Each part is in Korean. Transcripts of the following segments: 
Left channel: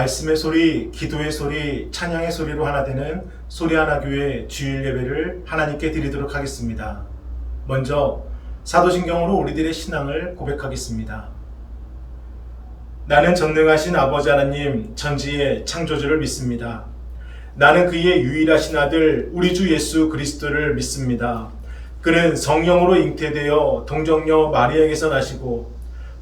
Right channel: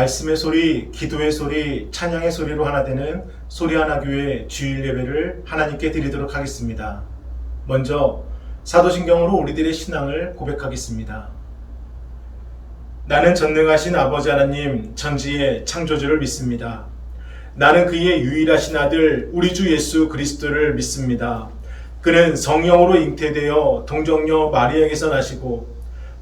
말씀의 소리, 기도의 소리, 찬양의 소리로 하나 되는 소리하나 교회 주일 예배를 하나님께 드리도록 하겠습니다. 먼저 사도신경으로 우리들의 신앙을 고백하겠습니다. 나는 전능하신 아버지 하나님 전지의 창조주를 믿습니다. 나는 그의 유일하신 아들 우리 주 예수 그리스도를 믿습니다. 그는 성령으로 잉태되어 동정녀 마리아에게서 나시고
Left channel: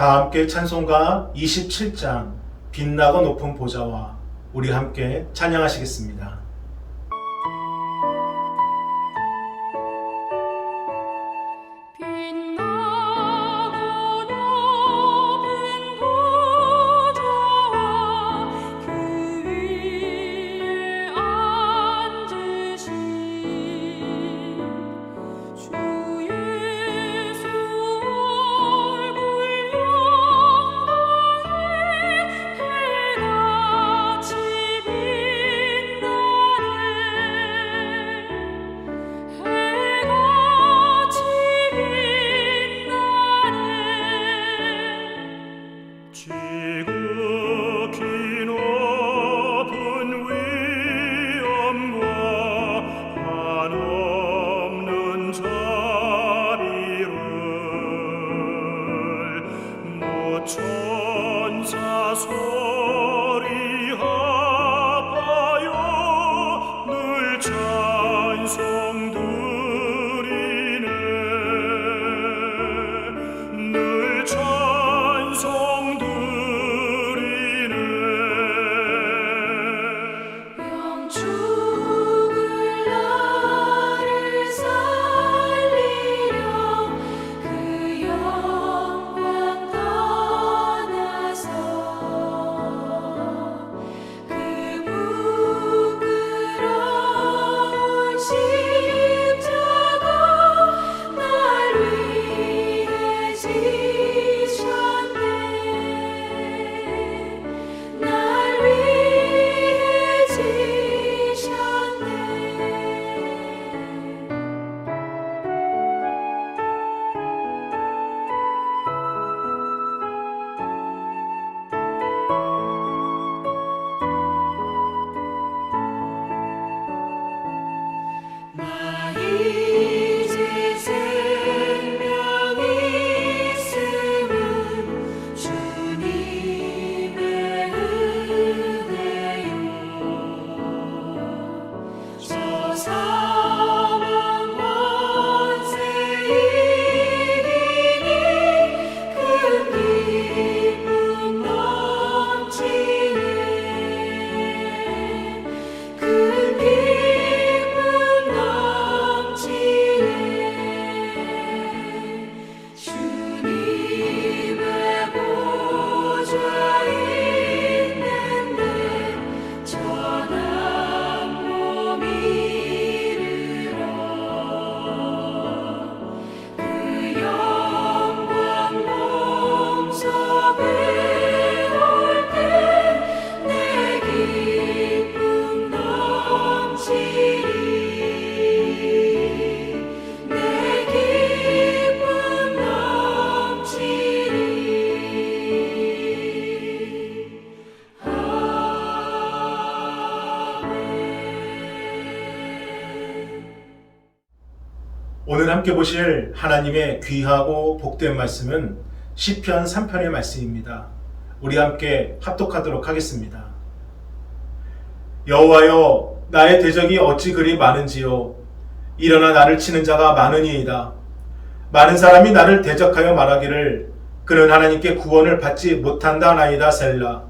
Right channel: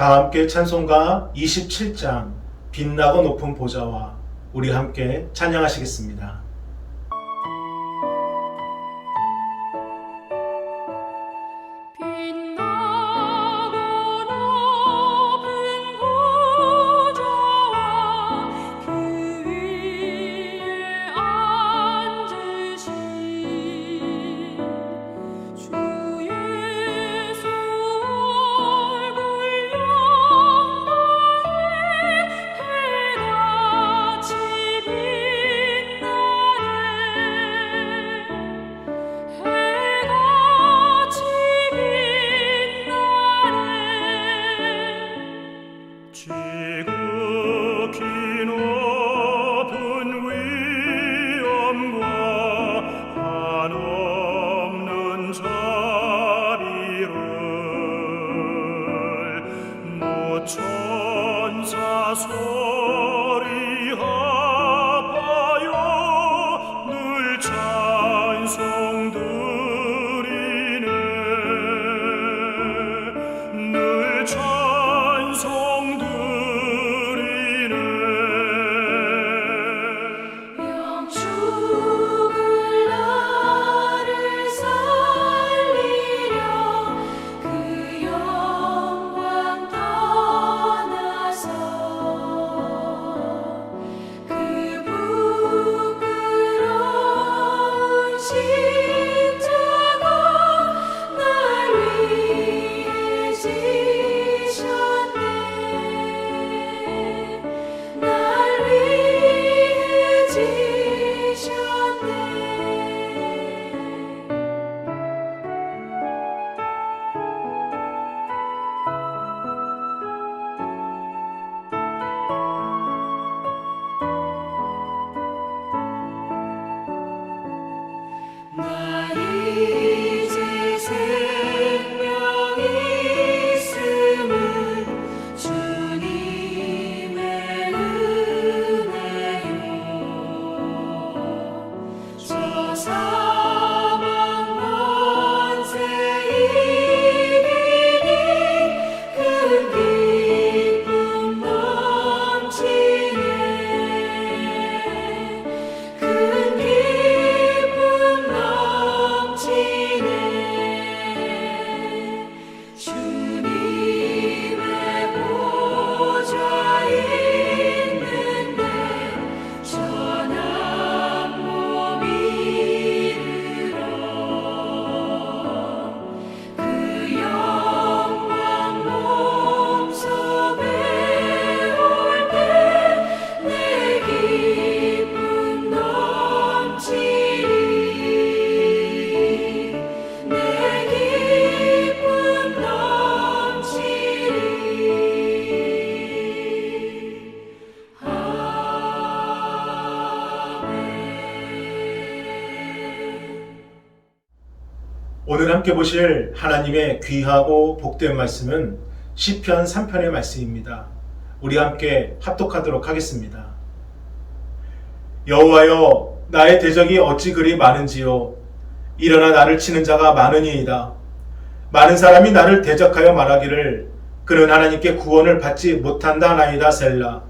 다 함께 찬송가 27장 빛나고 높은 보좌와 우리 함께 찬양하시겠습니다. 빛 오늘 함께 보실 하나님의 귀하고 복된 말씀은 시편 3편의 말씀입니다. 우리 함께 합독하도록 하겠습니다. 여호와여 나의 대적이 어찌 그리 많은지요 일어나 나를 치는 자가 많으니이다. 많은 사람이 나를 대적하여 말하기를 그는 하나님께 구원을 받지 못한다 나이다 셀라.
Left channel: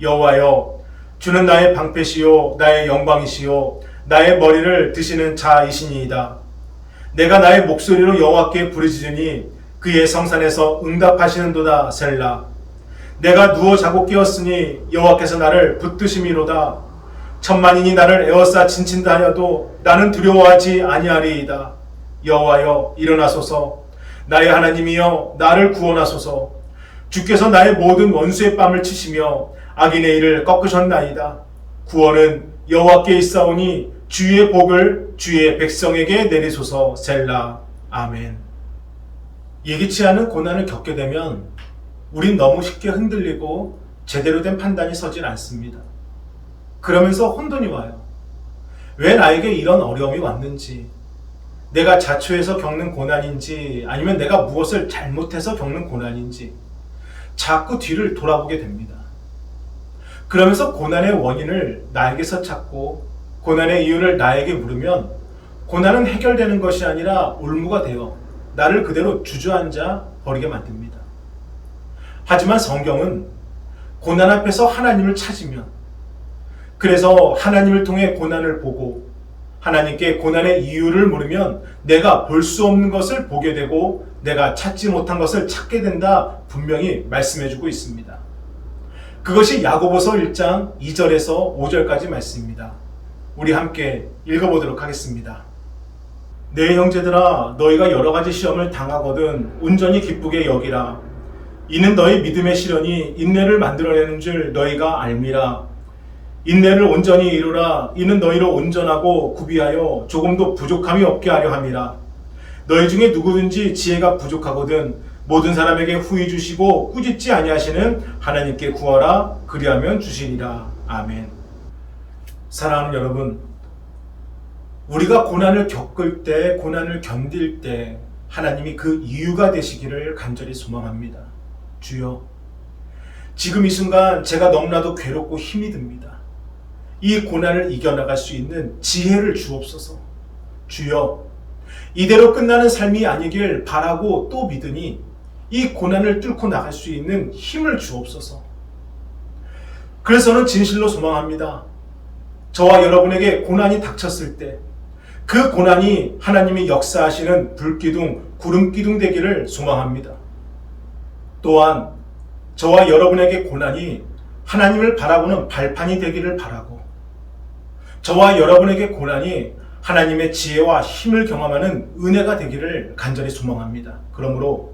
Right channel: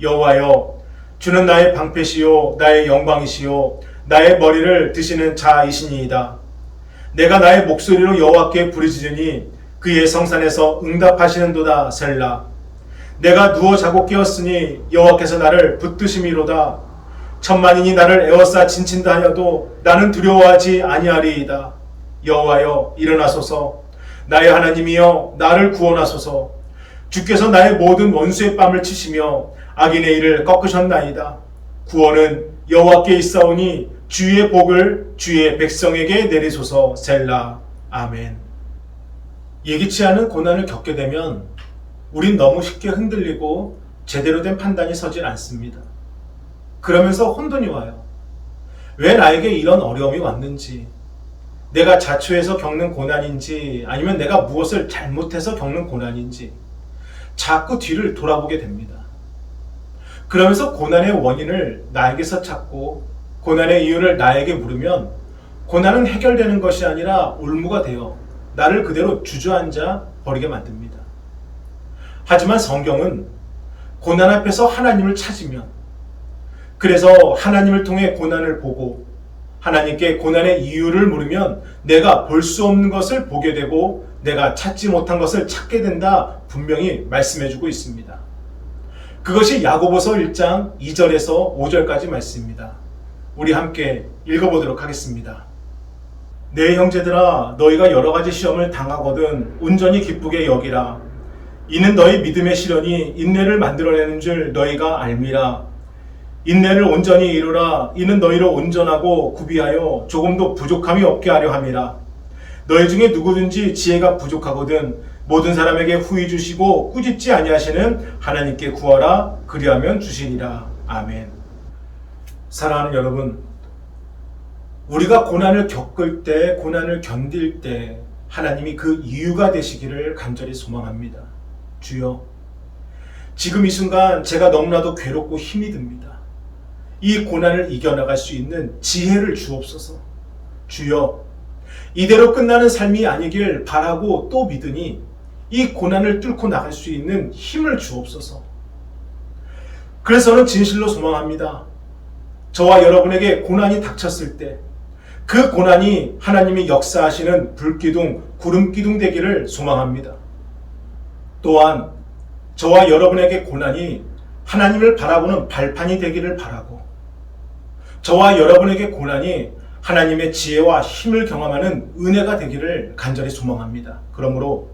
여호와여 주는 나의 방패시요 나의 영광이시요 나의 머리를 드시는 자이시니이다. 내가 나의 목소리로 여호와께 부르짖으니 그의 성산에서 응답하시는도다 셀라. 내가 누워 자고 깨었으니 여호와께서 나를 붙드심이로다. 천만인이 나를 에워싸 진친다 하여도 나는 두려워하지 아니하리이다. 여호와여 일어나소서 나의 하나님이여 나를 구원하소서 주께서 나의 모든 원수의 뺨을 치시며 악인의 일을 꺾으셨나이다. 구원은 여호와께 있사오니 주의 복을 주의 백성에게 내리소서 셀라 아멘. 예기치 않은 고난을 겪게 되면 우린 너무 쉽게 흔들리고 제대로 된 판단이 서질 않습니다. 그러면서 혼돈이 와요. 왜 나에게 이런 어려움이 왔는지, 내가 자초해서 겪는 고난인지, 아니면 내가 무엇을 잘못해서 겪는 고난인지, 자꾸 뒤를 돌아보게 됩니다. 그러면서 고난의 원인을 나에게서 찾고, 고난의 이유를 나에게 물으면, 고난은 해결되는 것이 아니라 올무가 되어 나를 그대로 주저앉아 버리게 만듭니다. 하지만 성경은 고난 앞에서 하나님을 찾으면 그래서 하나님을 통해 고난을 보고 하나님께 고난의 이유를 물으면 내가 볼 수 없는 것을 보게 되고 내가 찾지 못한 것을 찾게 된다 분명히 말씀해 주고 있습니다. 그것이 야고보서 1장 2절에서 5절까지 말씀입니다. 우리 함께 읽어보도록 하겠습니다. 내 형제들아 너희가 여러 가지 시험을 당하거든 온전히 기쁘게 여기라 이는 너희 믿음의 시련이 인내를 만들어내는 줄 너희가 알미라 인내를 온전히 이루라 이는 너희로 온전하고 구비하여 조금도 부족함이 없게 하려 함이라 너희 중에 누구든지 지혜가 부족하거든 모든 사람에게 후히 주시고 꾸짖지 아니하시는 하나님께 구하라 그리하면 주시리라 아멘 사랑하는 여러분 우리가 고난을 겪을 때, 고난을 견딜 때 하나님이 그 이유가 되시기를 간절히 소망합니다. 주여, 지금 이 순간 제가 너무나도 괴롭고 힘이 듭니다. 이 고난을 이겨나갈 수 있는 지혜를 주옵소서. 주여, 이대로 끝나는 삶이 아니길 바라고 또 믿으니 이 고난을 뚫고 나갈 수 있는 힘을 주옵소서. 그래서는 진실로 소망합니다. 저와 여러분에게 고난이 닥쳤을 때, 그 고난이 하나님이 역사하시는 불기둥, 구름기둥 되기를 소망합니다. 또한 저와 여러분에게 고난이 하나님을 바라보는 발판이 되기를 바라고 저와 여러분에게 고난이 하나님의 지혜와 힘을 경험하는 은혜가 되기를 간절히 소망합니다. 그러므로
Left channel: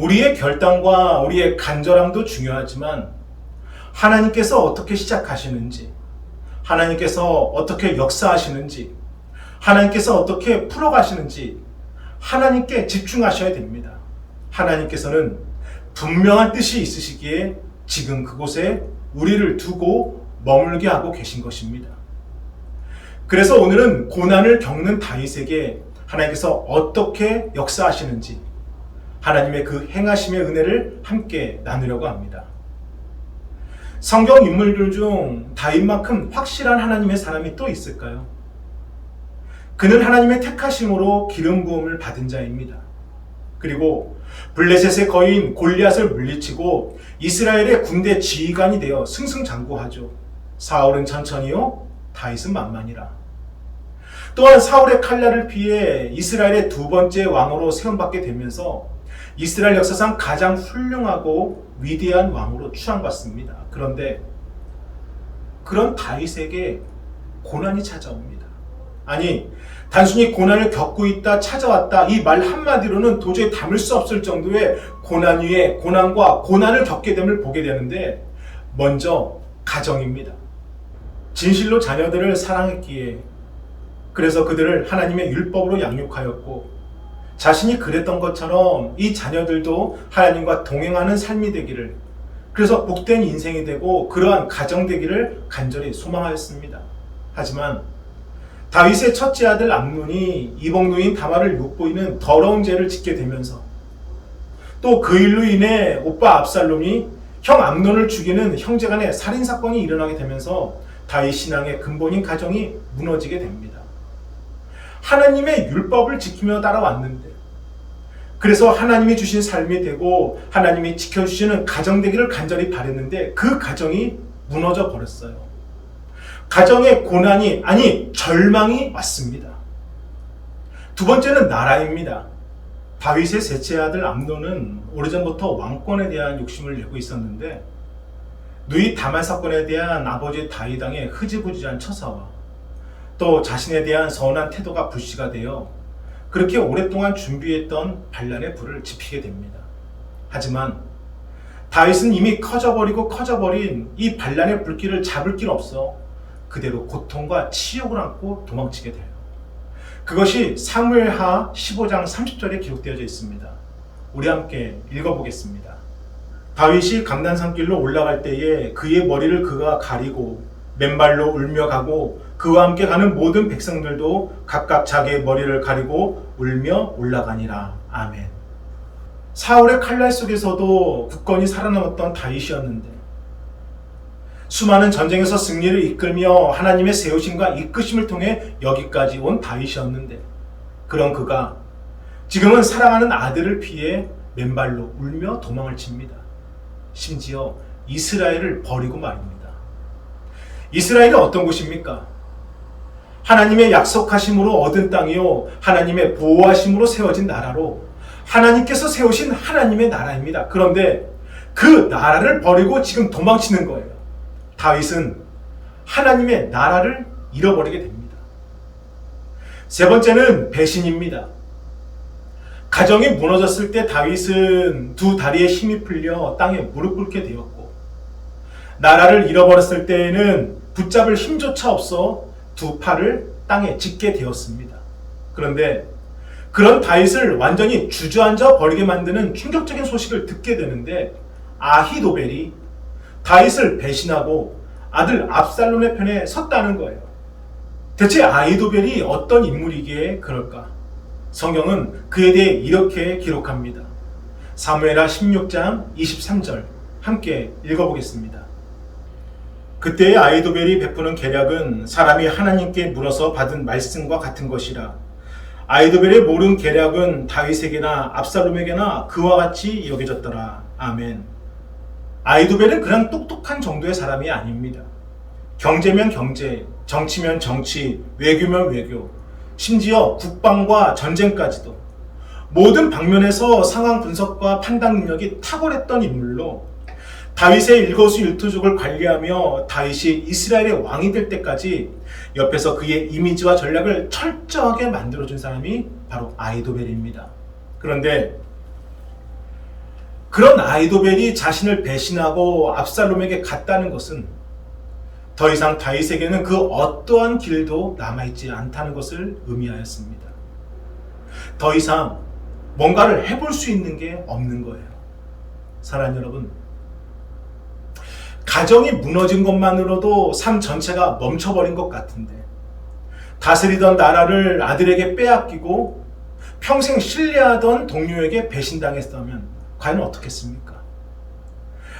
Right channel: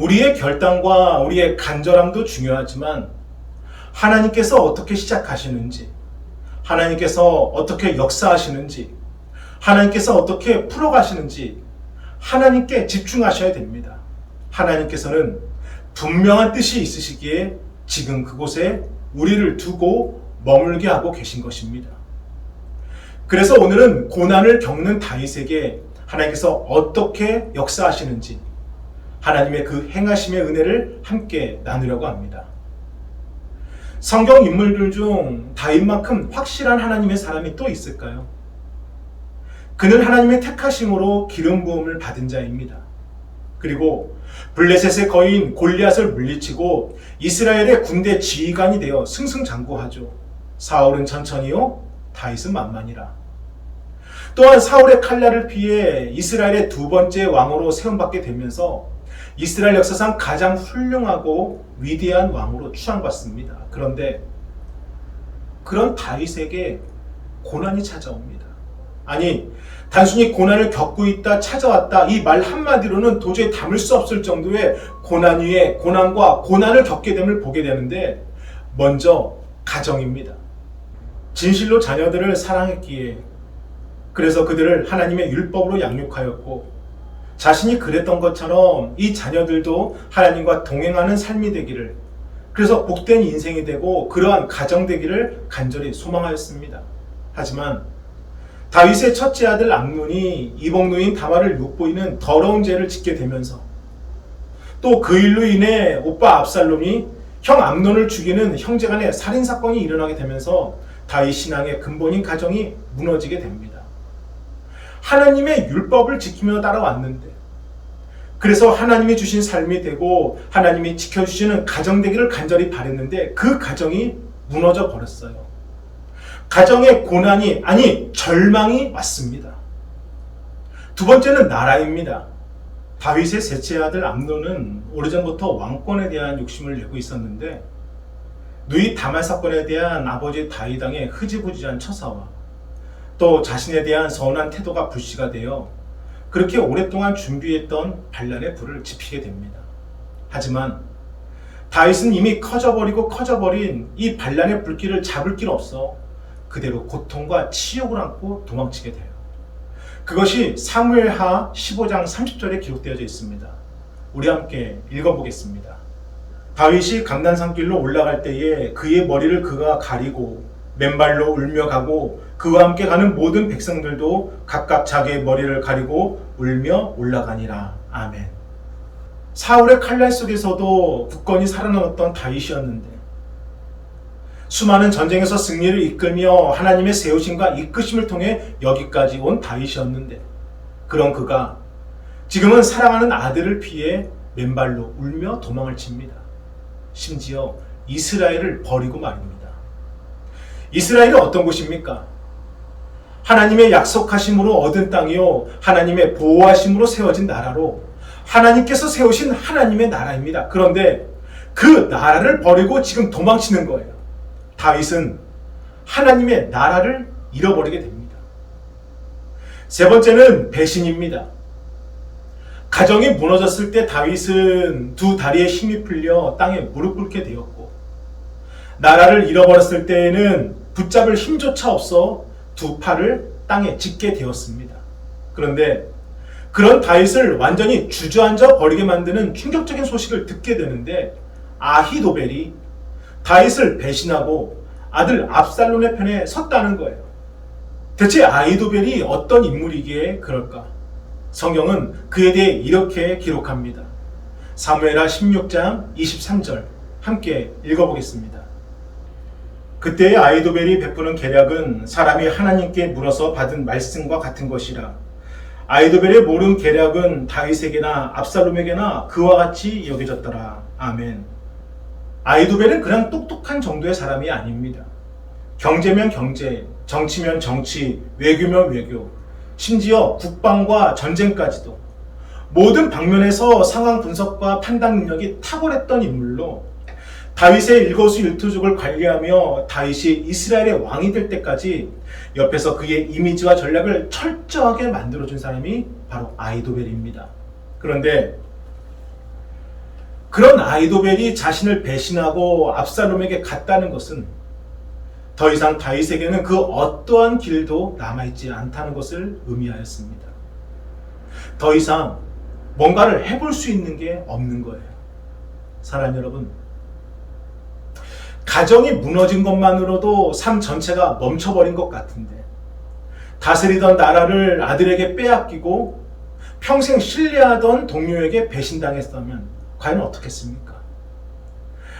우리의 결단과 우리의 간절함도 중요하지만 하나님께서 어떻게 시작하시는지 하나님께서 어떻게 역사하시는지 하나님께서 어떻게 풀어가시는지 하나님께 집중하셔야 됩니다. 하나님께서는 분명한 뜻이 있으시기에 지금 그곳에 우리를 두고 머물게 하고 계신 것입니다. 그래서 오늘은 고난을 겪는 다윗에게 하나님께서 어떻게 역사하시는지 하나님의 그 행하심의 은혜를 함께 나누려고 합니다. 성경 인물들 중 다윗만큼 확실한 하나님의 사람이 또 있을까요? 그는 하나님의 택하심으로 기름 부음을 받은 자입니다. 그리고 블레셋의 거인 골리앗을 물리치고 이스라엘의 군대 지휘관이 되어 승승장구하죠. 사울은 천천히요, 다윗은 만만이라. 또한 사울의 칼날을 피해 이스라엘의 두 번째 왕으로 세움받게 되면서 이스라엘 역사상 가장 훌륭하고 위대한 왕으로 추앙받습니다. 그런데 그런 다윗에게 고난이 찾아옵니다. 아니, 단순히 고난을 겪고 있다, 찾아왔다, 이 말 한마디로는 도저히 담을 수 없을 정도의 고난 위에 고난과 고난을 겪게 됨을 보게 되는데, 먼저 가정입니다. 진실로 자녀들을 사랑했기에, 그래서 그들을 하나님의 율법으로 양육하였고, 자신이 그랬던 것처럼 이 자녀들도 하나님과 동행하는 삶이 되기를, 그래서 복된 인생이 되고 그러한 가정 되기를 간절히 소망하였습니다. 하지만 다윗의 첫째 아들 암논이 이복누인 다말을 욕보이는 더러운 죄를 짓게 되면서 또 그 일로 인해 오빠 압살롬이 형 암논을 죽이는 형제간의 살인 사건이 일어나게 되면서 다윗 신앙의 근본인 가정이 무너지게 됩니다. 하나님의 율법을 지키며 따라왔는데 그래서 하나님이 주신 삶이 되고 하나님이 지켜주시는 가정 되기를 간절히 바랬는데 그 가정이 무너져 버렸어요. 가정의 고난이 아니 절망이 왔습니다. 두 번째는 나라입니다. 다윗의 셋째 아들 암논은 오래전부터 왕권에 대한 욕심을 내고 있었는데 누이 다말 사건에 대한 아버지 다윗왕의 흐지부지한 처사와 또 자신에 대한 서운한 태도가 불씨가 되어 그렇게 오랫동안 준비했던 반란의 불을 지피게 됩니다. 하지만 다윗은 이미 커져버리고 커져버린 이 반란의 불길을 잡을 길 없어 그대로 고통과 치욕을 안고 도망치게 돼요. 그것이 사무엘하 15장 30절에 기록되어져 있습니다. 우리 함께 읽어보겠습니다. 다윗이 감난산길로 올라갈 때에 그의 머리를 그가 가리고 맨발로 울며 가고 그와 함께 가는 모든 백성들도 각각 자기의 머리를 가리고 울며 올라가니라. 아멘. 사울의 칼날 속에서도 굳건히 살아남았던 다윗이었는데 수많은 전쟁에서 승리를 이끌며 하나님의 세우심과 이끄심을 통해 여기까지 온 다윗이었는데 그런 그가 지금은 사랑하는 아들을 피해 맨발로 울며 도망을 칩니다. 심지어 이스라엘을 버리고 말입니다. 이스라엘은 어떤 곳입니까? 하나님의 약속하심으로 얻은 땅이요. 하나님의 보호하심으로 세워진 나라로 하나님께서 세우신 하나님의 나라입니다. 그런데 그 나라를 버리고 지금 도망치는 거예요. 다윗은 하나님의 나라를 잃어버리게 됩니다. 세 번째는 배신입니다. 가정이 무너졌을 때 다윗은 두 다리에 힘이 풀려 땅에 무릎 꿇게 되었고 나라를 잃어버렸을 때에는 붙잡을 힘조차 없어 두 팔을 땅에 짚게 되었습니다. 그런데 그런 다윗을 완전히 주저앉아 버리게 만드는 충격적인 소식을 듣게 되는데 아히도벨이 다윗을 배신하고 아들 압살롬의 편에 섰다는 거예요. 대체 아히도벨이 어떤 인물이기에 그럴까? 성경은 그에 대해 이렇게 기록합니다. 사무엘하 16장 23절 함께 읽어보겠습니다. 그때의 아이도벨이 베푸는 계략은 사람이 하나님께 물어서 받은 말씀과 같은 것이라. 아이도벨의 모른 계략은 다윗에게나 압살롬에게나 그와 같이 여겨졌더라. 아멘. 아이도벨은 그냥 똑똑한 정도의 사람이 아닙니다. 경제면 경제, 정치면 정치, 외교면 외교, 심지어 국방과 전쟁까지도 모든 방면에서 상황 분석과 판단 능력이 탁월했던 인물로 다윗의 일거수일투족을 관리하며 다윗이 이스라엘의 왕이 될 때까지 옆에서 그의 이미지와 전략을 철저하게 만들어준 사람이 바로 아이도벨입니다. 그런데 그런 아이도벨이 자신을 배신하고 압살롬에게 갔다는 것은 더 이상 다윗에게는 그 어떠한 길도 남아있지 않다는 것을 의미하였습니다. 더 이상 뭔가를 해볼 수 있는 게 없는 거예요. 사랑하는 여러분, 가정이 무너진 것만으로도 삶 전체가 멈춰버린 것 같은데, 다스리던 나라를 아들에게 빼앗기고 평생 신뢰하던 동료에게 배신당했다면 과연 어떻겠습니까?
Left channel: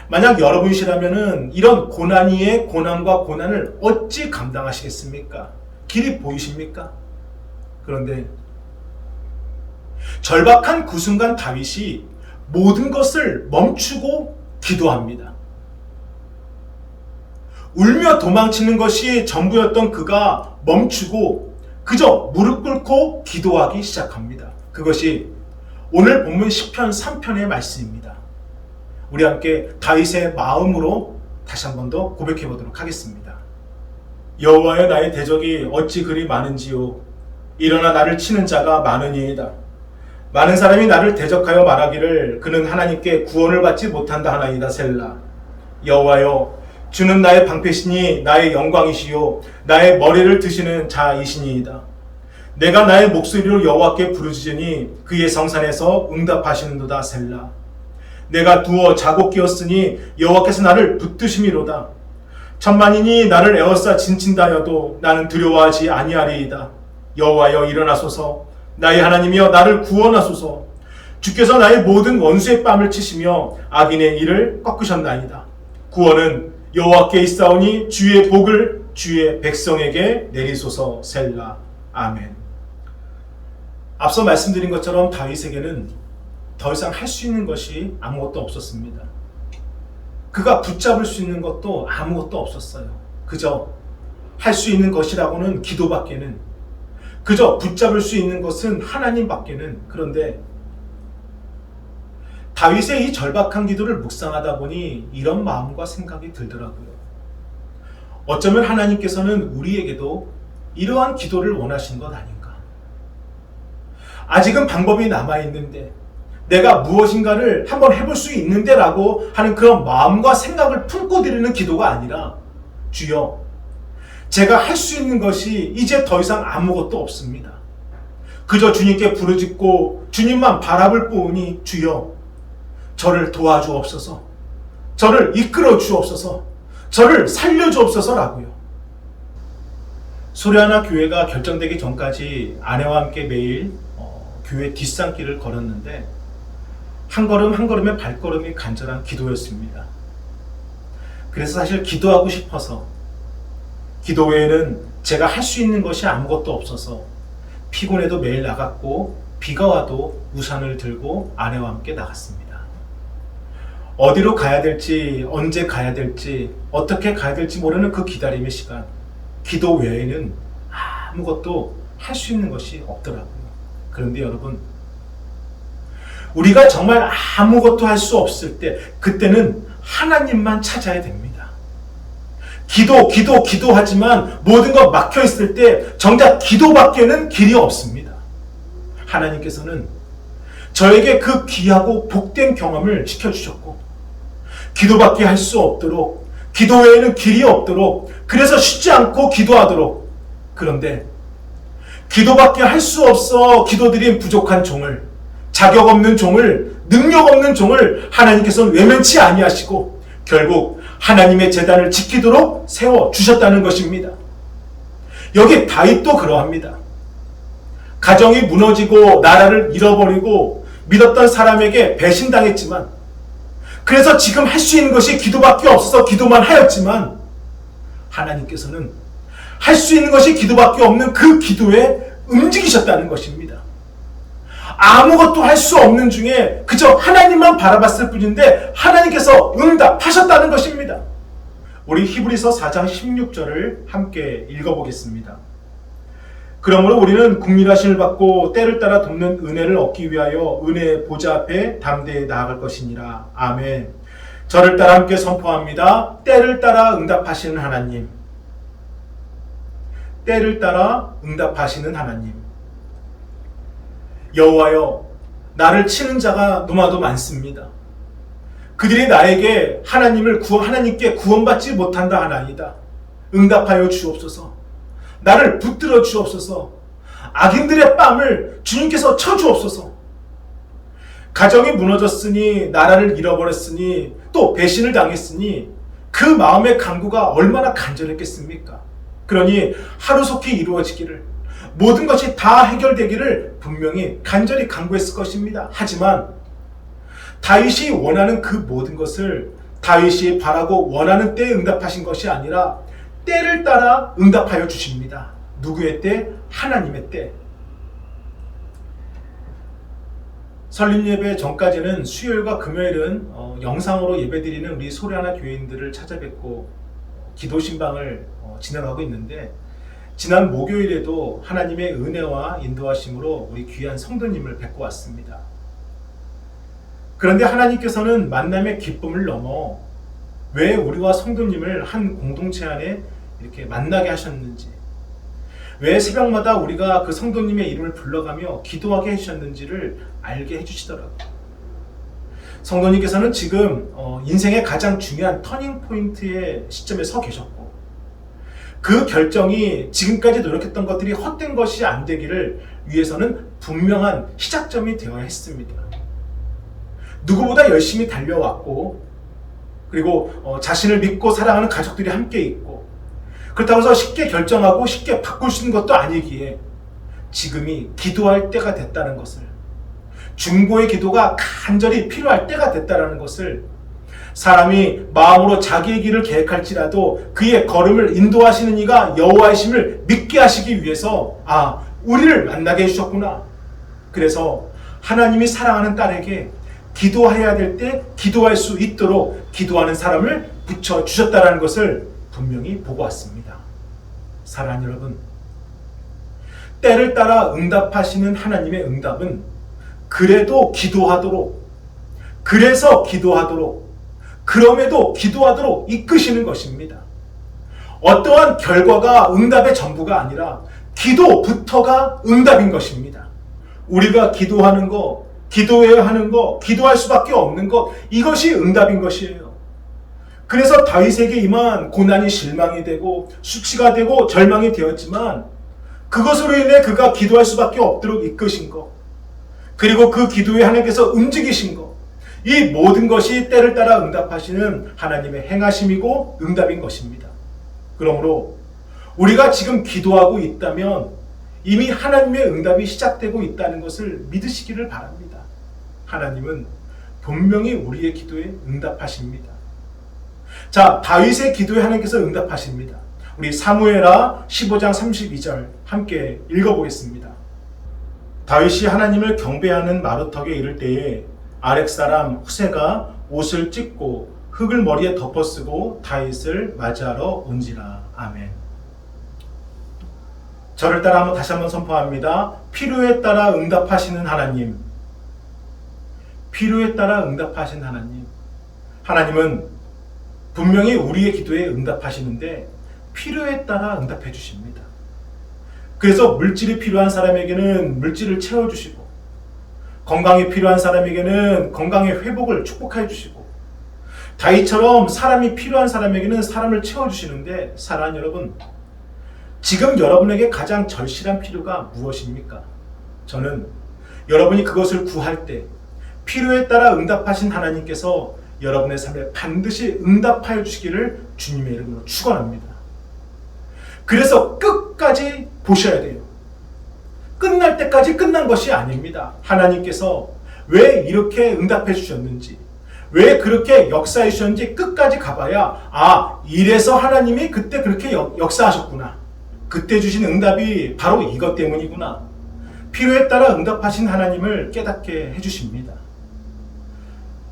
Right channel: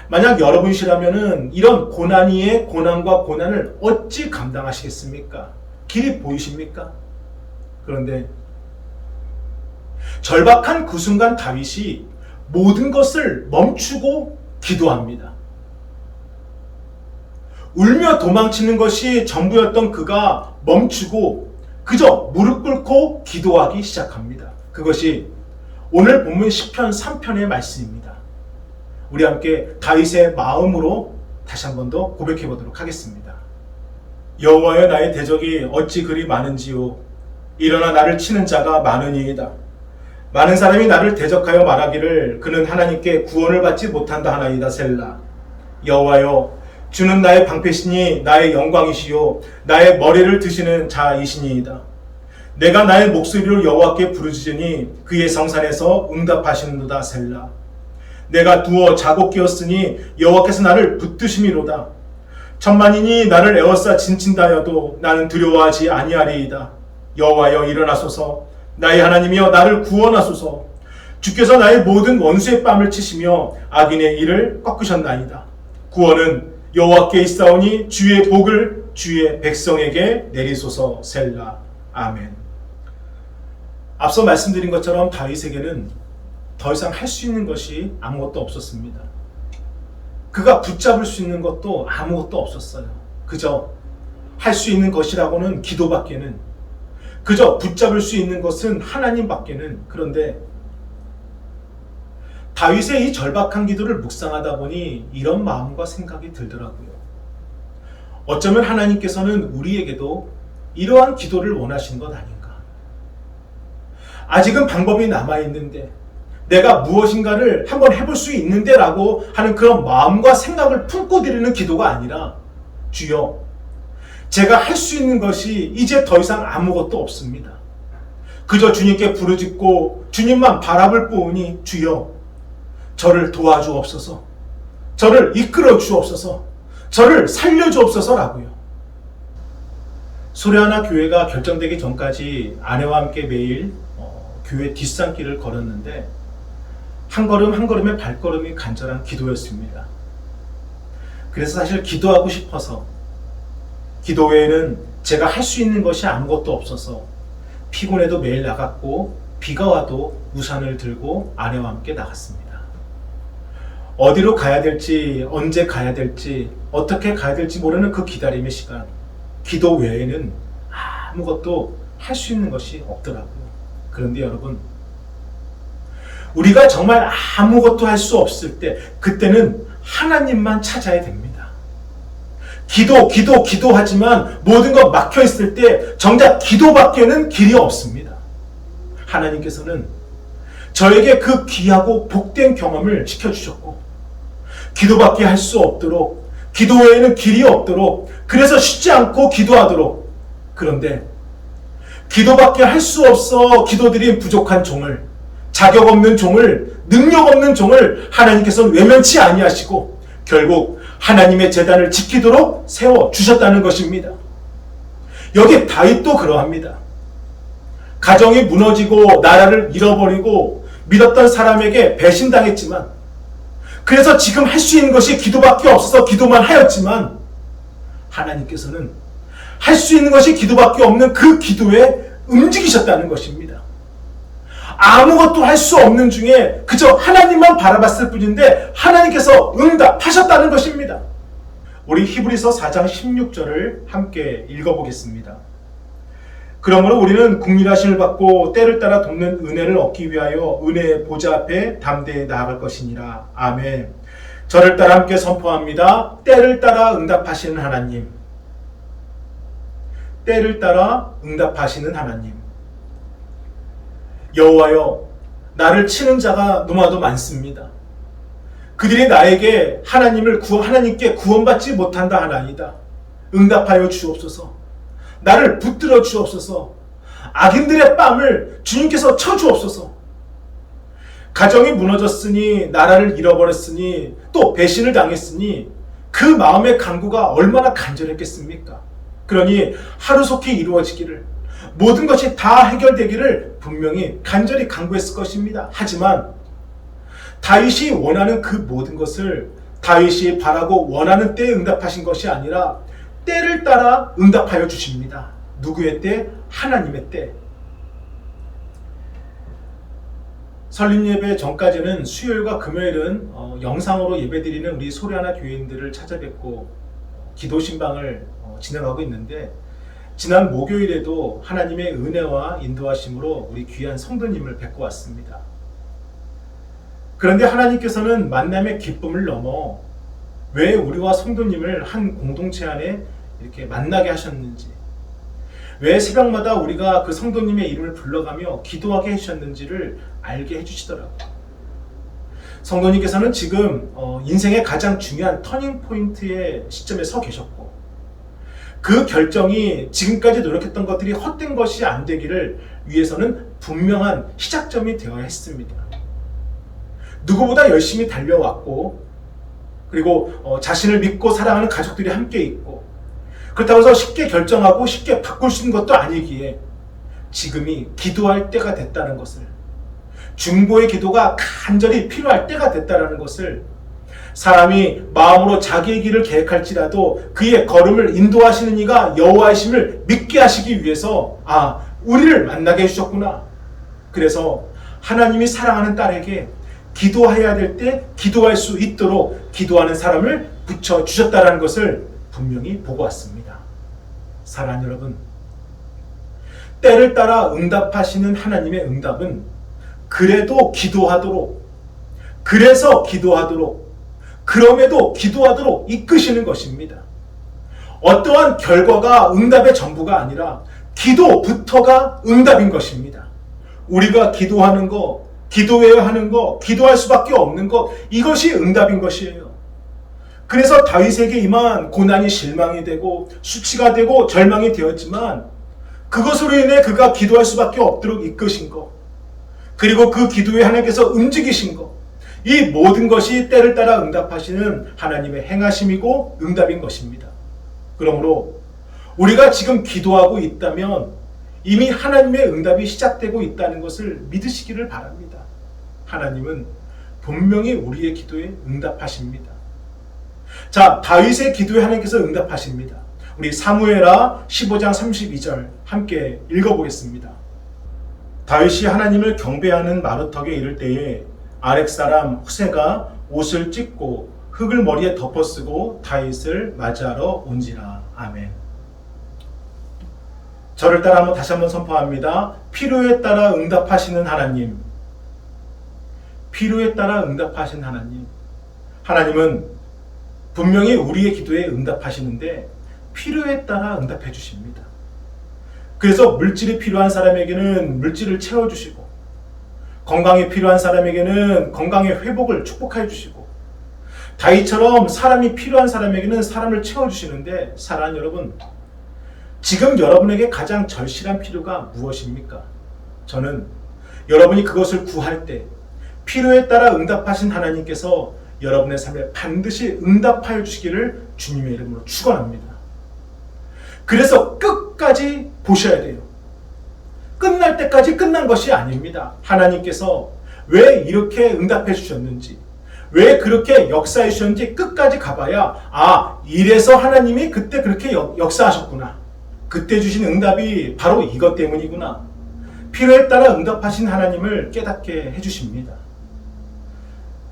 만약 여러분이시라면은 이런 고난 위에 고난과 고난을 어찌 감당하시겠습니까? 길이 보이십니까? 그런데 절박한 그 순간 다윗이 모든 것을 멈추고 기도합니다. 울며 도망치는 것이 전부였던 그가 멈추고 그저 무릎 꿇고 기도하기 시작합니다. 그것이 오늘 본문 10편 3편의 말씀입니다. 우리 함께 다윗의 마음으로 다시 한 번 더 고백해 보도록 하겠습니다. 여호와여 나의 대적이 어찌 그리 많은지요 일어나 나를 치는 자가 많으니이다. 많은 사람이 나를 대적하여 말하기를 그는 하나님께 구원을 받지 못한다 하나이다 셀라. 여호와여 주는 나의 방패시니 나의 영광이시요 나의 머리를 드시는 자이시니이다. 내가 나의 목소리로 여호와께 부르짖으니 그의 성산에서 응답하시는도다 셀라. 내가 두어 자고 깨었으니 여호와께서 나를 붙드심이로다. 천만인이 나를 에워싸 진친다여도 나는 두려워하지 아니하리이다. 여호와여 일어나소서 나의 하나님이여 나를 구원하소서. 주께서 나의 모든 원수의 뺨을 치시며 악인의 일을 꺾으셨나이다. 구원은 여호와께 있사오니 주의 복을 주의 백성에게 내리소서 셀라. 아멘. 앞서 말씀드린 것처럼 다윗에게는 더 이상 할 수 있는 것이 아무것도 없었습니다. 그가 붙잡을 수 있는 것도 아무것도 없었어요. 그저 할 수 있는 것이라고는 기도밖에는 그저 붙잡을 수 있는 것은 하나님밖에는 그런데 다윗의 이 절박한 기도를 묵상하다 보니 이런 마음과 생각이 들더라고요. 어쩌면 하나님께서는 우리에게도 이러한 기도를 원하신 것 아닌가. 아직은 방법이 남아있는데, 내가 무엇인가를 한번 해볼 수 있는데 라고 하는 그런 마음과 생각을 품고 드리는 기도가 아니라, 주여, 제가 할 수 있는 것이 이제 더 이상 아무것도 없습니다. 그저 주님께 부르짖고 주님만 바라볼 뿐이니 주여, 저를 도와주옵소서, 저를 이끌어 주옵소서, 저를 살려 주옵소서라고요. 소리하나 교회가 결정되기 전까지 아내와 함께 매일 어, 교회 뒷산길을 걸었는데 한 걸음 한 걸음의 발걸음이 간절한 기도였습니다. 그래서 사실 기도하고 싶어서 기도 외에는 제가 할 수 있는 것이 아무것도 없어서 피곤해도 매일 나갔고 비가 와도 우산을 들고 아내와 함께 나갔습니다. 어디로 가야 될지, 언제 가야 될지, 어떻게 가야 될지 모르는 그 기다림의 시간. 기도 외에는 아무것도 할 수 있는 것이 없더라고요. 그런데 여러분, 우리가 정말 아무것도 할 수 없을 때, 그때는 하나님만 찾아야 됩니다. 기도, 기도, 기도하지만 모든 것 막혀 있을 때 정작 기도밖에는 길이 없습니다. 하나님께서는 저에게 그 귀하고 복된 경험을 시켜주셨고, 기도밖에 할 수 없도록, 기도 외에는 길이 없도록, 그래서 쉬지 않고 기도하도록. 그런데 기도밖에 할 수 없어 기도드린 부족한 종을, 자격 없는 종을, 능력 없는 종을 하나님께서는 외면치 아니하시고 결국 하나님의 재단을 지키도록 세워 주셨다는 것입니다. 여기 다윗도 그러합니다. 가정이 무너지고 나라를 잃어버리고 믿었던 사람에게 배신당했지만 그래서 지금 할 수 있는 것이 기도밖에 없어서 기도만 하였지만 하나님께서는 할 수 있는 것이 기도밖에 없는 그 기도에 움직이셨다는 것입니다. 아무것도 할 수 없는 중에 그저 하나님만 바라봤을 뿐인데 하나님께서 응답하셨다는 것입니다. 우리 히브리서 4장 16절을 함께 읽어보겠습니다. 그러므로 우리는 국민하심을 받고 때를 따라 돕는 은혜를 얻기 위하여 은혜의 보좌 앞에 담대히 나아갈 것이니라. 아멘. 저를 따라 함께 선포합니다. 때를 따라 응답하시는 하나님. 때를 따라 응답하시는 하나님. 여호와여, 나를 치는 자가 너무나도 많습니다. 그들이 나에게 하나님을 구원, 하나님께 구원받지 못한다 하나이다. 응답하여 주옵소서. 나를 붙들어 주옵소서. 악인들의 뺨을 주님께서 쳐 주옵소서. 가정이 무너졌으니 나라를 잃어버렸으니 또 배신을 당했으니 그 마음의 강구가 얼마나 간절했겠습니까? 그러니 하루속히 이루어지기를 모든 것이 다 해결되기를 분명히 간절히 강구했을 것입니다. 하지만 다윗이 원하는 그 모든 것을 다윗이 바라고 원하는 때에 응답하신 것이 아니라 때를 따라 응답하여 주십니다. 누구의 때? 하나님의 때. 설립 예배 전까지는 수요일과 금요일은 어, 영상으로 예배드리는 우리 소리하나 교인들을 찾아뵙고 기도 신방을 어, 진행하고 있는데 지난 목요일에도 하나님의 은혜와 인도하심으로 우리 귀한 성도님을 뵙고 왔습니다. 그런데 하나님께서는 만남의 기쁨을 넘어 왜 우리와 성도님을 한 공동체 안에 이렇게 만나게 하셨는지, 왜 새벽마다 우리가 그 성도님의 이름을 불러가며 기도하게 해주셨는지를 알게 해주시더라고요. 성도님께서는 지금 어, 인생의 가장 중요한 터닝 포인트의 시점에 서 계셨고, 그 결정이 지금까지 노력했던 것들이 헛된 것이 안 되기를 위해서는 분명한 시작점이 되어야 했습니다. 누구보다 열심히 달려왔고, 그리고 어, 자신을 믿고 사랑하는 가족들이 함께 있고, 그렇다고 해서 쉽게 결정하고 쉽게 바꿀 수 있는 것도 아니기에 지금이 기도할 때가 됐다는 것을, 중보의 기도가 간절히 필요할 때가 됐다는 것을 사람이 마음으로 자기의 길을 계획할지라도 그의 걸음을 인도하시는 이가 여호와이심을 믿게 하시기 위해서 아 우리를 만나게 해주셨구나. 그래서 하나님이 사랑하는 딸에게 기도해야 될 때 기도할 수 있도록 기도하는 사람을 붙여 주셨다라는 것을 분명히 보고 왔습니다. 사랑하는 여러분, 때를 따라 응답하시는 하나님의 응답은 그래도 기도하도록 그래서 기도하도록, 그럼에도 기도하도록 이끄시는 것입니다. 어떠한 결과가 응답의 전부가 아니라 기도부터가 응답인 것입니다. 우리가 기도하는 거, 기도해야 하는 거, 기도할 수밖에 없는 것, 이것이 응답인 것이에요. 그래서 다윗에게 임한 고난이 실망이 되고 수치가 되고 절망이 되었지만 그것으로 인해 그가 기도할 수밖에 없도록 이끄신 것, 그리고 그 기도에 하나님께서 움직이신 것, 이 모든 것이 때를 따라 응답하시는 하나님의 행하심이고 응답인 것입니다. 그러므로 우리가 지금 기도하고 있다면 이미 하나님의 응답이 시작되고 있다는 것을 믿으시기를 바랍니다. 하나님은 분명히 우리의 기도에 응답하십니다. 자, 다윗의 기도에 하나님께서 응답하십니다. 우리 사무엘하 15장 32절 함께 읽어보겠습니다. 다윗이 하나님을 경배하는 마루턱에 이를 때에 아렉 사람 후세가 옷을 찢고 흙을 머리에 덮어쓰고 다윗을 맞이하러 온지라. 아멘. 저를 따라 한번 다시 한번 선포합니다. 필요에 따라 응답하시는 하나님. 필요에 따라 응답하신 하나님. 하나님은 분명히 우리의 기도에 응답하시는데 필요에 따라 응답해 주십니다. 그래서 물질이 필요한 사람에게는 물질을 채워 주시고 건강이 필요한 사람에게는 건강의 회복을 축복해 주시고 다이처럼 사람이 필요한 사람에게는 사람을 채워 주시는데 사랑하는 여러분 지금 여러분에게 가장 절실한 필요가 무엇입니까? 저는 여러분이 그것을 구할 때 필요에 따라 응답하신 하나님께서 여러분의 삶에 반드시 응답하여 주시기를 주님의 이름으로 축원합니다. 그래서 끝까지 보셔야 돼요. 끝날 때까지 끝난 것이 아닙니다. 하나님께서 왜 이렇게 응답해 주셨는지, 왜 그렇게 역사해 주셨는지 끝까지 가봐야, 아, 이래서 하나님이 그때 그렇게 역, 역사하셨구나. 그때 주신 응답이 바로 이것 때문이구나. 필요에 따라 응답하신 하나님을 깨닫게 해주십니다.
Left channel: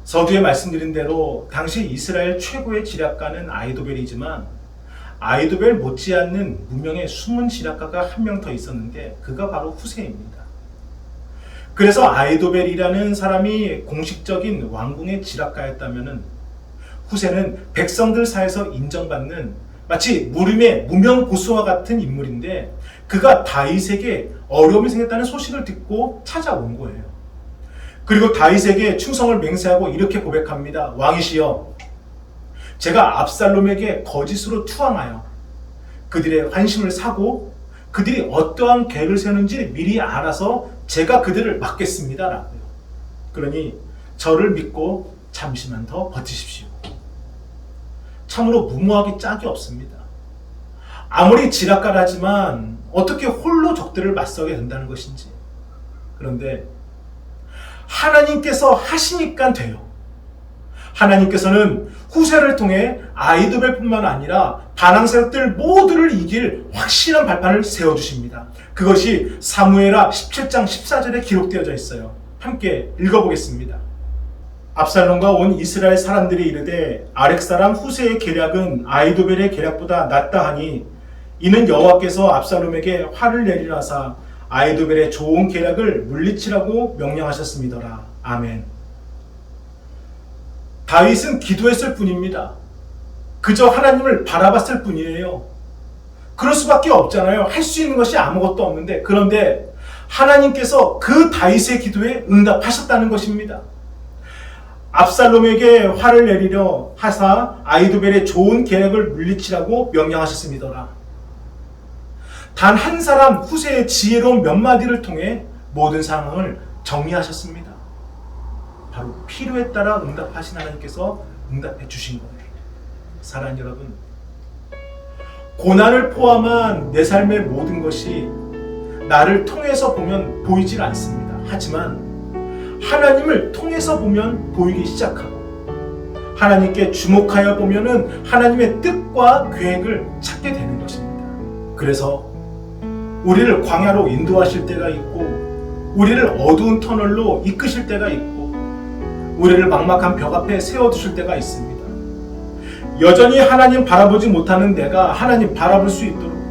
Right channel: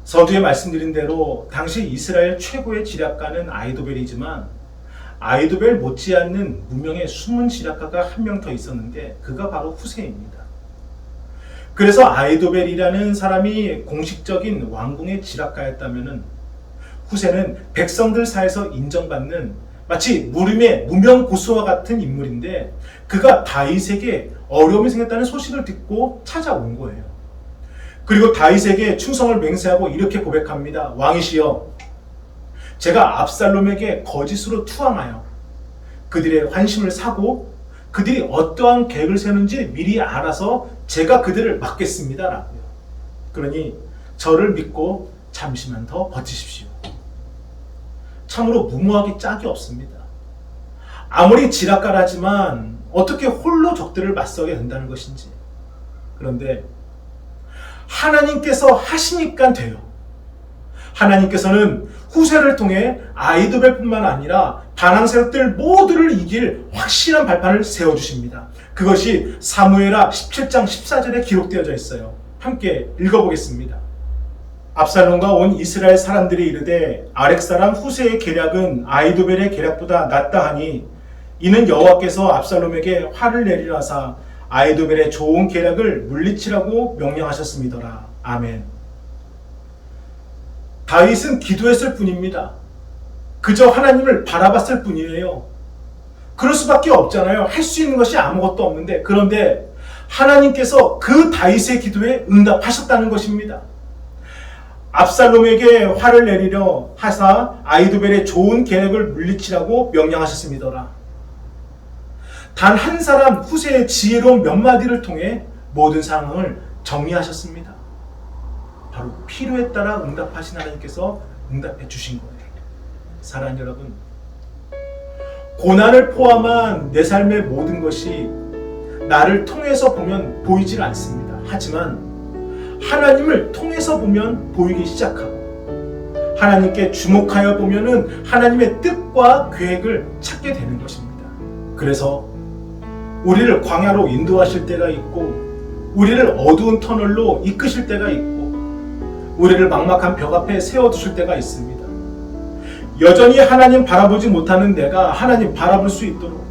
서두에 말씀드린 대로 당시 이스라엘 최고의 지략가는 아이도벨이지만 아이도벨 못지않는 무명의 숨은 지략가가 한 명 더 있었는데 그가 바로 후세입니다. 그래서 아이도벨이라는 사람이 공식적인 왕궁의 지략가였다면 후세는 백성들 사이에서 인정받는 마치 무림의 무명 고수와 같은 인물인데 그가 다윗에게 어려움이 생겼다는 소식을 듣고 찾아온 거예요. 그리고 다윗에게 충성을 맹세하고 이렇게 고백합니다. 왕이시여, 제가 압살롬에게 거짓으로 투항하여 그들의 환심을 사고 그들이 어떠한 계획을 세우는지 미리 알아서 제가 그들을 막겠습니다. 라고요. 그러니 저를 믿고 잠시만 더 버티십시오. 참으로 무모하기 짝이 없습니다. 아무리 지략가라지만 어떻게 홀로 적들을 맞서게 된다는 것인지. 그런데 하나님께서 하시니까 돼요. 하나님께서는 후세를 통해 아이도벨뿐만 아니라 반항 세력들 모두를 이길 확실한 발판을 세워 주십니다. 그것이 사무엘하 17장 14절에 기록되어져 있어요. 함께 읽어보겠습니다. 압살롬과 온 이스라엘 사람들이 이르되 아렉 사람 후세의 계략은 아이도벨의 계략보다 낫다 하니 이는 여호와께서 압살롬에게 화를 내리라사 아이도벨의 좋은 계략을 물리치라고 명령하셨음이더라. 아멘. 다윗은 기도했을 뿐입니다. 그저 하나님을 바라봤을 뿐이에요. 그럴 수밖에 없잖아요. 할 수 있는 것이 아무것도 없는데 그런데 하나님께서 그 다윗의 기도에 응답하셨다는 것입니다. 압살롬에게 화를 내리려 하사 아이도벨의 좋은 계획을 물리치라고 명령하셨습니다라. 단 한 사람 후세의 지혜로운 몇 마디를 통해 모든 상황을 정리하셨습니다. 바로 필요에 따라 응답하신 하나님께서 응답해 주신 거예요. 사랑하는 여러분, 고난을 포함한 내 삶의 모든 것이 나를 통해서 보면 보이질 않습니다. 하지만 하나님을 통해서 보면 보이기 시작하고 하나님께 주목하여 보면은 하나님의 뜻과 계획을 찾게 되는 것입니다. 그래서 우리를 광야로 인도하실 때가 있고 우리를 어두운 터널로 이끄실 때가 있고 우리를 막막한 벽 앞에 세워 두실 때가 있습니다. 여전히 하나님 바라보지 못하는 내가 하나님 바라볼 수 있도록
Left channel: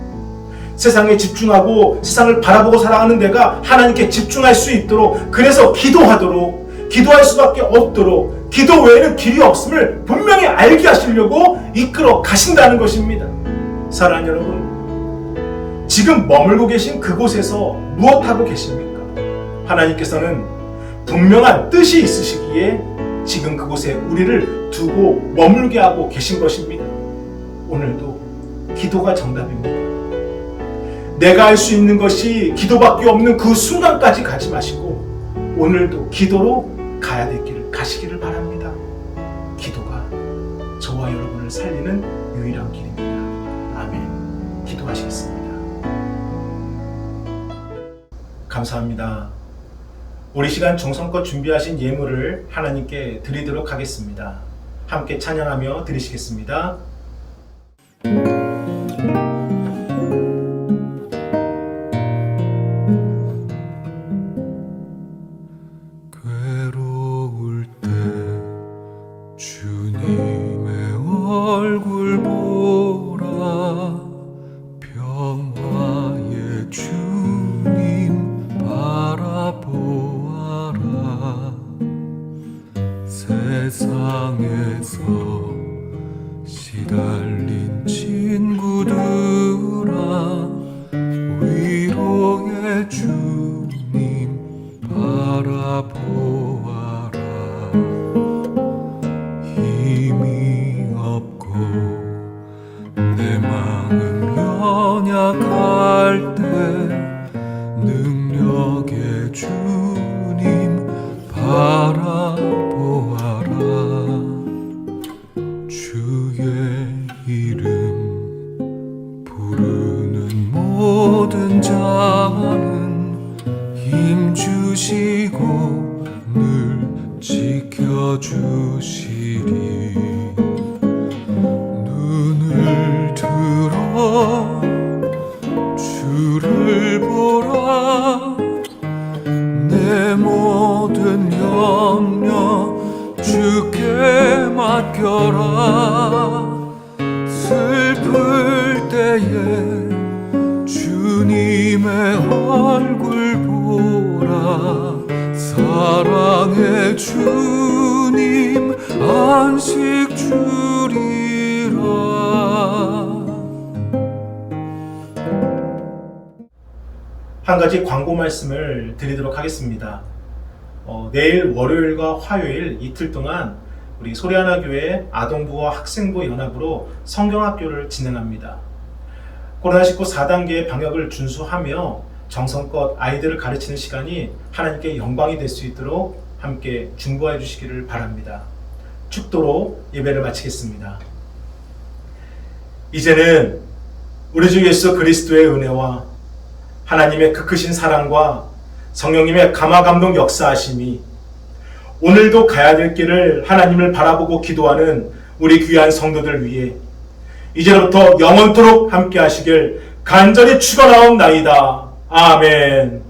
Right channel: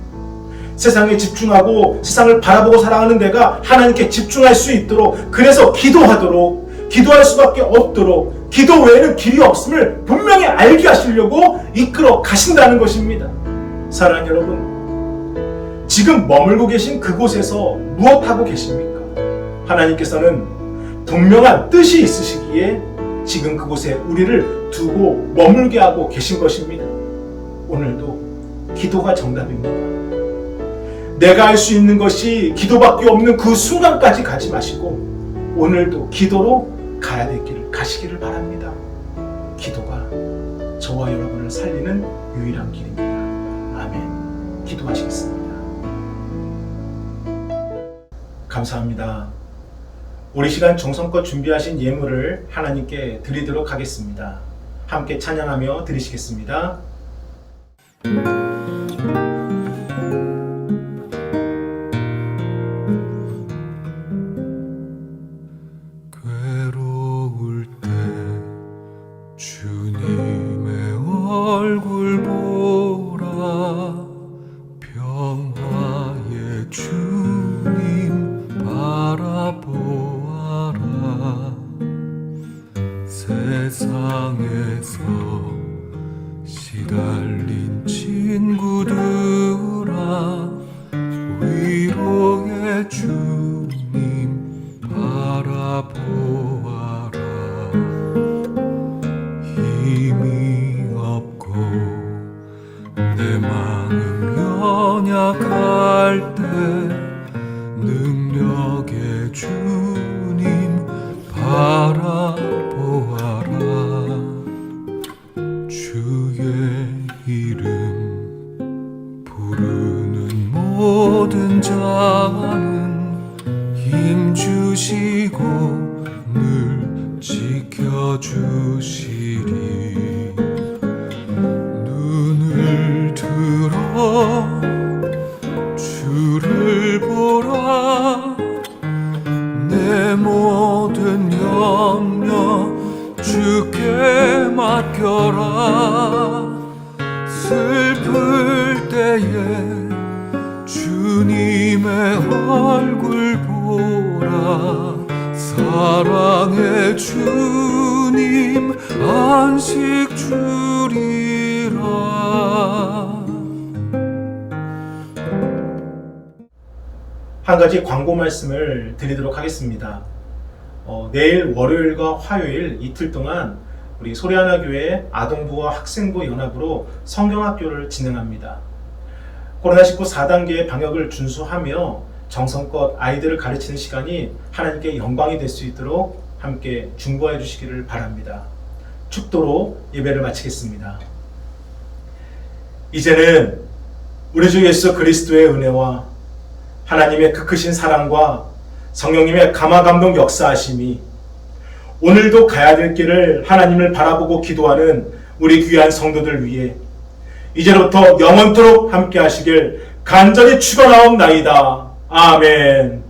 세상에 집중하고 세상을 바라보고 살아가는 내가 하나님께 집중할 수 있도록 그래서 기도하도록 기도할 수밖에 없도록 기도 외에는 길이 없음을 분명히 알게 하시려고 이끌어 가신다는 것입니다. 사랑하는 여러분, 지금 머물고 계신 그곳에서 무엇하고 계십니까? 하나님께서는 분명한 뜻이 있으시기에 지금 그곳에 우리를 두고 머물게 하고 계신 것입니다. 오늘도 기도가 정답입니다. 내가 할 수 있는 것이 기도밖에 없는 그 순간까지 가지 마시고 오늘도 기도로 가야 될 길을 가시기를 바랍니다. 기도가 저와 여러분을 살리는 유일한 길입니다. 아멘. 기도하시겠습니다. 감사합니다. 우리 시간 정성껏 준비하신 예물을 하나님께 드리도록 하겠습니다. 함께 찬양하며 드리시겠습니다. 주님의 얼굴 힘 주시고 늘 지켜주시리. 눈을 들어 주를 보라. 내 모든 염려 주께 맡겨라. 슬플 때에 주님의 얼굴 보라 사랑의 주님 안식 주리라 한 가지 광고 말씀을 드리도록 하겠습니다. 어, 내일 월요일과 화요일 이틀 동안 우리 소리하나 교회 아동부와 학생부 연합으로 성경학교를 진행합니다. 코로나19 4단계의 방역을 준수하며 정성껏 아이들을 가르치는 시간이 하나님께 영광이 될 수 있도록 함께 중보해 주시기를 바랍니다. 축도로 예배를 마치겠습니다. 이제는 우리 주 예수 그리스도의 은혜와 하나님의 그 크신 사랑과 성령님의 감화 감동 역사하심이 오늘도 가야 될 길을 하나님을 바라보고 기도하는 우리 귀한 성도들 위해 이제부터 영원토록 함께 하시길 간절히 축원하옵나이다. 아멘.